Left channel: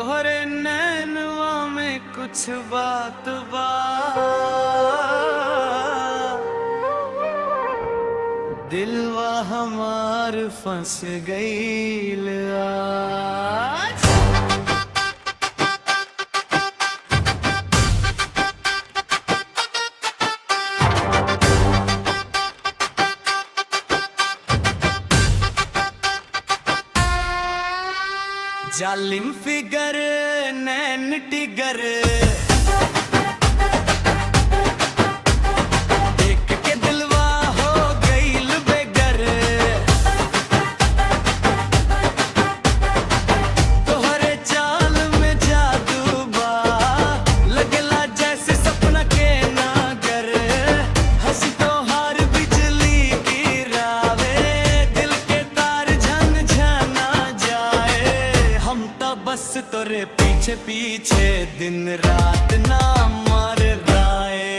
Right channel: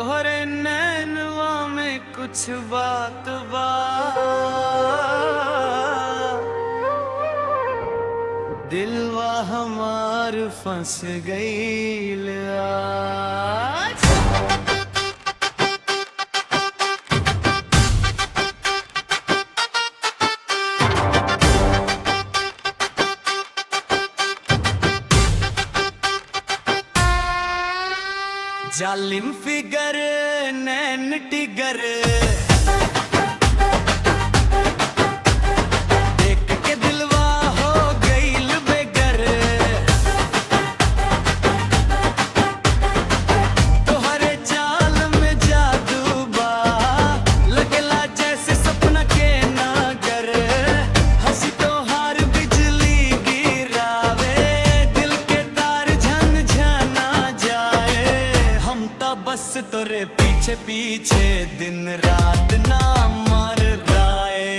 तोहरे नैनवा में कुछ बात बा, दिलवा हमार फंस गईल आज। जालिम फिगर नैन टिगर देख के दिलवा हो गईल बेगर। तोहरे चाल में जादू बा, लगला जैसे सपना के नागर। हंसी तोहार बिजली गिरावे, दिल के तार झन झना जाए। हम तो बस तोरे पीछे पीछे दिन रात ना मर राए।